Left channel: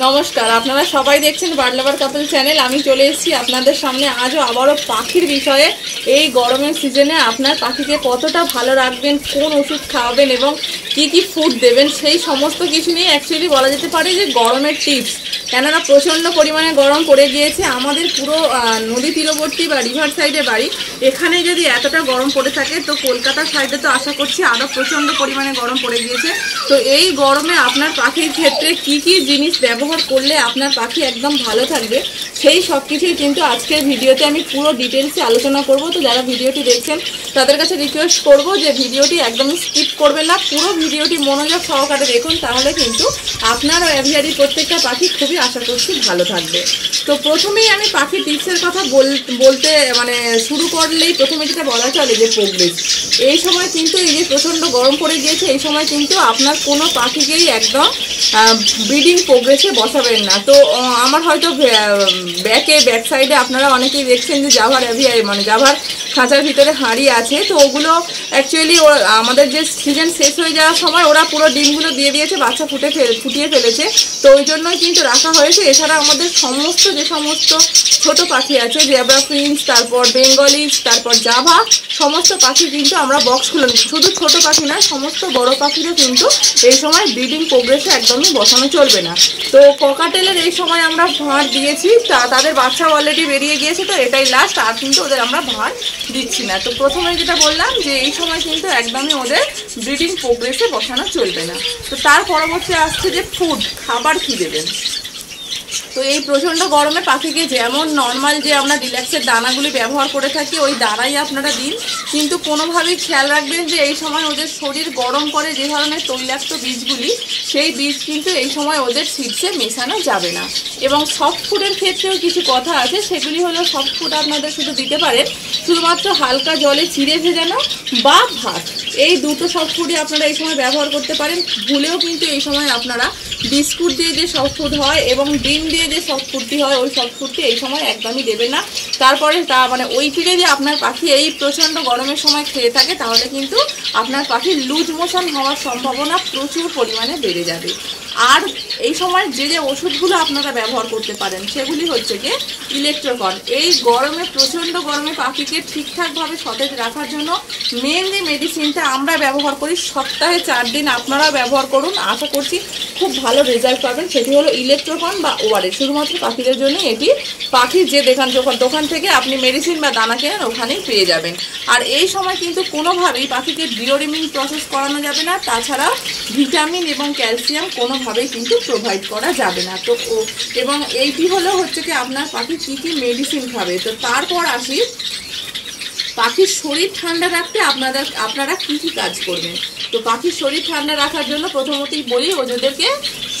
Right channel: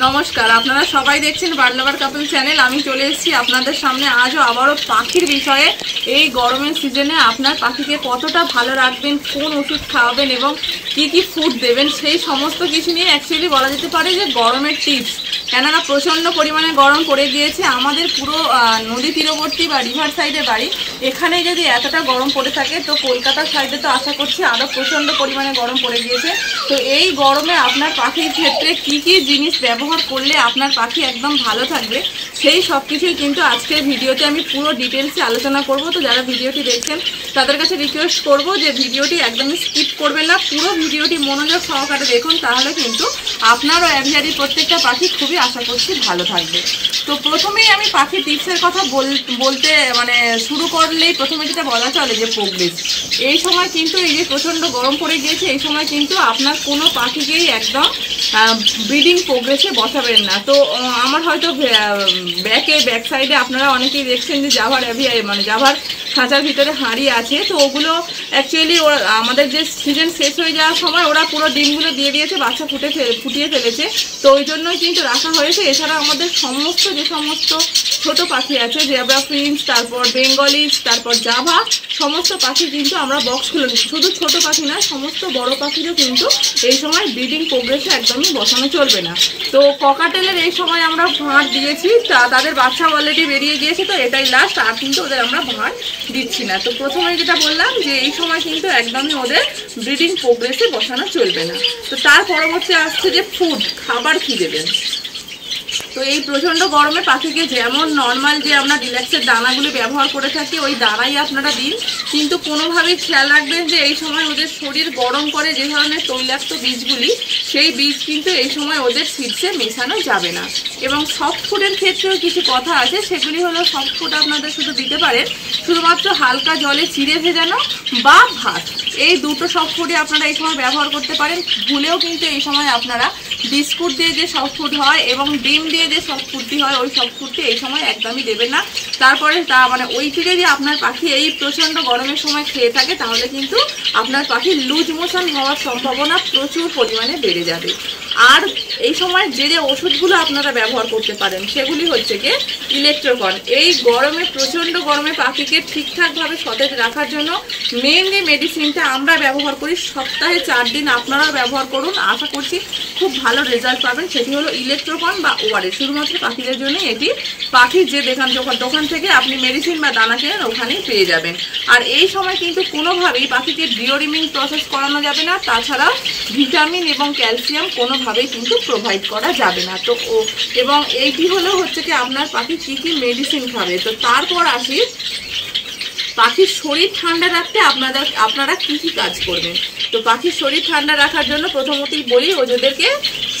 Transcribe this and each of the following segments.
নমস্কার, আপনারা সবাই দেখছেন বার্ড লাভার কাপল চ্যানেল। আমি চলে এসেছি আপনাদের সামনে আজও আবারও পাখির বিষয়ে। এই গরমের সিজনে আপনার পাখিকে কতটা ভালো রাখবেন, কোন ওষুধ খাওয়াবেন এবং কি কি ফুড দেবেন, সেই সমস্ত কিছু নিয়ে অ্যাকচুয়ালি বলা যেতে পারে যে গরমের টিপস। কেননা প্রচণ্ড পরিমাণে গরম পড়ে গিয়েছে। আমাদের পুরো নদী তীরবর্তী বা রিভার সাইডে বাড়ি, এখানে যদি এতটা গরম পড়ে থাকে তো কলকাতার সাইডে তো আশা করছি আরও প্রচণ্ড পরিমাণে গরম পড়ে গিয়েছে। তো এই গরমে আপনার পাখির ক্ষেত্রে কি কি জিনিস ব্যবহার করলে আপনার পাখি একদম ভালো থাকবে, সেই সব কিছুই কিন্তু আজকের ভিডিওতে আমি পুরো ডিটেলসে আলোচনা করব। তো যারা ভিডিওটি দেখছেন তাদের কাছে রিকোয়েস্ট করব যে ভিডিওটি একদমই স্কিপ করবেন না, পুরো ভিডিওটি মনোযোগ সহকারে দেখুন, তাহলে কিন্তু আপনারও অ্যাভিয়ারির প্রত্যেকটা পাখি খুবই আশা করছি ভালো থাকবে। তো প্রথমেই আমি পাখি টিপসের কথা বলতে শুরু করলেই প্রথমে যেটা বলা চলে যে প্রোগ্রেস। এই সময় কিন্তু এই যে প্রচণ্ড গরম পড়ে গিয়েছে, এই সময় কিন্তু আপনার কোনো পাখিকেই একদম ব্রিডিং প্রোগ্রেসে বসাবেন না। তো আমার হয়তো ব্যাক সাইডে আপনারা অনেকেই দেখছেন যে জাভার জাভার খাঁচার ভিতরে হাঁড়ি আছে। তো ওগুলো অ্যাকচুয়ালি আমাদের যে সিজন শেষ হয়ে যাওয়ার সময় ওরা পুরো ডিমগুলো দিয়ে দিয়েছে, বাচ্চা ফুটিয়ে ফেলেছে। তো ওই জন্যই কিন্তু রাখা হয়েছে। এছাড়া আমাদের যে সমস্ত ছোট পাখি আছে, জেব্রা ফিঞ্চ, তারপর বেঙ্গলিজ, তারপর জাভা, সমস্ত পাখি কিন্তু আমরা বক্স খুলে নিচ্ছি। শুধু ছোট পাখি না, সমস্ত বড় পাখিরও কিন্তু এই সময় ব্রিডিং প্রোগ্রেসে একদমই বসানো চলবে না। তো ককাটেলের এই সময় আমরা ভাঁড় দিয়েছি, তাদের বাচ্চা অলরেডি বেরিয়ে গিয়েছে, তো এটাই লাস্ট, আর কিন্তু ওদের আমরা ভাঁড় দিচ্ছি না। তো প্রথমে যেটা বললাম যে এই সময় কিন্তু একদমই ওদের ব্রিডিং প্রোগ্রেসে বসানো চলবে না। তো তার পরবর্তী আসছে যে ফুড, খাবার কি দেবেন। তো এই প্রচণ্ড গরমে পাখিকে যেমন নর্মাল যে আমরা রিল্যাক্সের দানাগুলি ব্যবহার করে থাকি ওই দানাই আপনারা দিন, কিন্তু কোনোভাবেই খেয়াল রাখবেন যে এই সময় ওদের শরীর গরম করে যে ধরনের তৈলাক্ত বীজগুলি, সেই বীজ কিন্তু এই সময় ওদের সিডসে মেশানো যাবে না। এবং সফট ফুডের ক্ষেত্রেও কিছু কথা আছে, সেগুলি হলো সফট ফুড আপনাদের শুধু দিতে পারেন শুধুমাত্র হালকা জলে চিড়ে ভেজানো বা ভাত, এই দুটো সফট ফুডই আপনারা এই সময় ব্যবহার করতে পারেন। ভুলেও কিন্তু এই সময় আপনারা বিস্কুট দিয়ে যে সফট ফুড হয় এবং ডিম দিয়ে যে সফট ফুডটি হয় ওই সফট ফুডটি এই সময় একদমই দেবেন না। তারপরে ওইটি যদি আপনার পাখি এই প্রচণ্ড গরমের সময় খেয়ে থাকে তাহলে কিন্তু আপনার পাখির লুজ মোশন হওয়ার সম্ভাবনা প্রচুর পরিমাণে বেড়ে যাবে। আর এই সময় যে ওষুধগুলো আপনারা ব্যবহার করতে পারেন সেগুলি হচ্ছে গিয়ে ইলেকট্রোকন। এই গরমে, প্রচণ্ড গরমে পাখিকে ঠিকঠাকভাবে সতেজ রাখার জন্য মেনলি মেডিসিনটা আমরা ব্যবহার করি, সপ্তাহে 4 দিন আপনারাও ব্যবহার করুন, আশা করছি খুব ভালো রেজাল্ট পাবেন। সেটি হলো ইলেকট্রোকন বা ওআরএস। শুধুমাত্র পাখিদের জন্য এটি, পাখির যে দোকান থেকে আপনি মেডিসিন বা দানা কেনেন ওখানেই পেয়ে যাবেন। আর এই সময় কিন্তু কোনোভাবেই পাখিকে ডিওরিমিং প্রসেস করানো যাবে না, তাছাড়াও ভিটামিন এবং ক্যালসিয়াম কোনোভাবেই কিন্তু প্রোভাইড করা যাবে না। তো এবং এইটি হচ্ছে কি আপনার পাখি কী কী মেডিসিন খাবে। তো তারপর আসি পাখির শরীর ঠান্ডা রাখতে আপনারা কী কী কাজ করবেন। তো পাখির শরীর ঠান্ডা রাখার জন্য প্রথমতই বলি ওদেরকে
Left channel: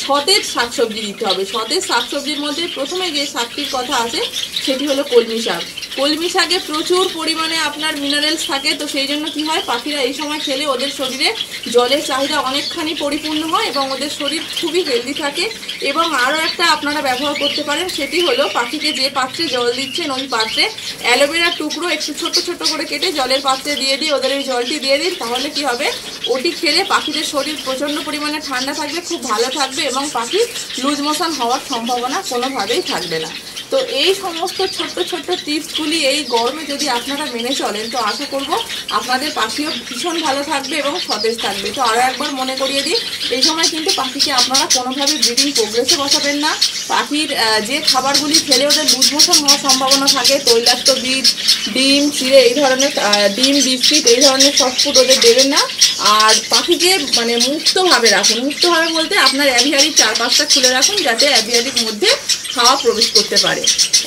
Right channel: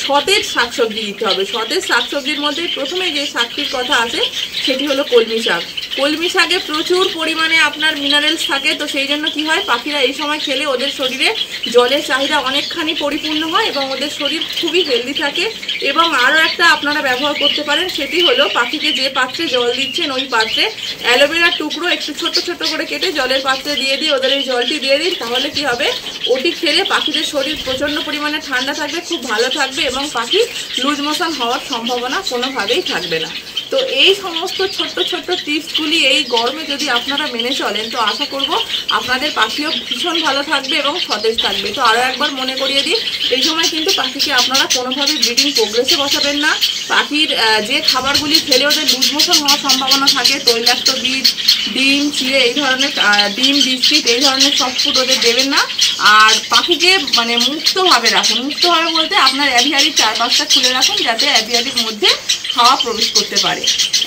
সতেজ শাকসবজি দিতে হবে। সতেজ শাকসবজির মধ্যে প্রথমে যে শাকটির কথা আছে সেটি হলো কলমি শাক। কলমি শাকে প্রচুর পরিমাণে আপনার মিনারেলস থাকে। তো সেই জন্য কি হয়, পাখিরা এই সময় খেলে ওদের শরীরে জলের চাহিদা অনেকখানি পরিপূর্ণ হয় এবং ওদের শরীর খুবই হেলদি থাকে। এবং আরও একটা আপনারা ব্যবহার করতে পারেন, সেটি হলো পাখিকে যে পাত্রে জল দিচ্ছেন ওই পাত্রে অ্যালোভেরার টুকরো একটু ছোট ছোট করে কেটে জলের পাত্রে দিয়ে দিই, ওদের এই জলটি দিয়ে দিন। তাহলে কি হবে, ওটি খেলে পাখিদের শরীর প্রচণ্ড পরিমাণে ঠান্ডা থাকবে, খুব ভালো থাকবে এবং পাখি লুজ মোশন হওয়ার সম্ভাবনা কোনোভাবেই থাকবে না। তো এই সমস্ত ছোট্ট ছোট্ট টিপসগুলি এই গরমে যদি আপনারা মেনে চলেন তো আশা করব আপনাদের পাখিও ভীষণ ভালো থাকবে এবং সতেজ থাকবে। তো আরও একবার মনে করিয়ে দিই, এই সময় কিন্তু পাখিকে আপনারা কোনোভাবেই ব্রিডিং প্রোগ্রেসে বসাবেন না। পাখির যে খাবারগুলি খেলে ওদের লুজ মোশন হওয়ার সম্ভাবনা থাকে, তৈলাক্ত বীজ, ডিম, চিড়ে, এই ধরনের ডিম, বিস্কিট, এই ধরনের সফট ফুড ওদের দেবেন না। আর পাখিকে মুক্তভাবে রাখুন। মুক্তভাবে বলতে আপনার অ্যাভিয়ারির 4-5টা খুলে রাখুন যাতে অ্যাভিয়ারির মধ্যে হাওয়া প্রবেশ করতে পারে।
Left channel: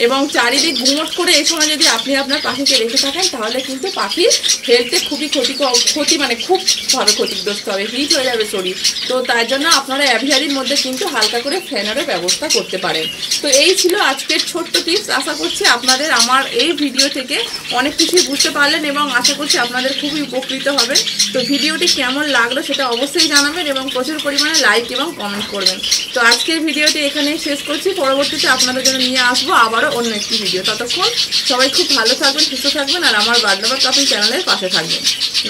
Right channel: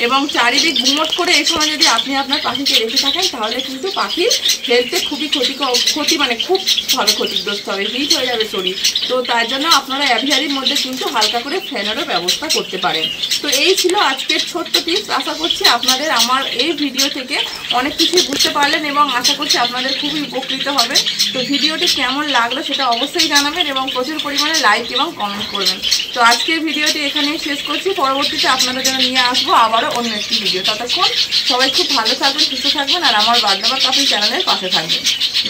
এবং চারিদিক গুমট করে এই সময় যদি আপনি আপনার পাখিকে রেখে থাকেন তাহলে কিন্তু পাখির হেলথে খুবই খুবভাবে ক্ষতিগ্রস্ত হবে, হিট হয়ে যাবে শরীর। তো তার জন্য আপনারা অ্যাভিয়ারির মধ্যে কিন্তু হালকা করে ফ্যানেরও ব্যবস্থা করতে পারেন। তো এই ছিল আজকের ছোট্ট টিপস। আশা করছি আপনাদের আমার এই ভিডিও থেকে অনেক কিছুই বুঝতে পারলেন এবং আশা করছি আপনাদের খুবই উপকৃত হবেন। তো ভিডিওটি কেমন লাগলো সেটা অবশ্যই জানাবেন এবং প্রচুর পরিমাণে লাইক এবং কমেন্ট করবেন। তো আজকের ভিডিওটি এখানেই শেষ করছি, পরবর্তীতে আপনাদের জন্য নিয়ে আসবো আবারও অন্য একটি ভিডিও। ততক্ষণ সবাই খুব ভালো থাকবেন, সুস্থ থাকবেন আর আমার বার্ড লাভার কাপল চ্যানেলের পাশে থাকবেন।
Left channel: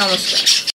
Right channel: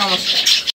নমস্কার।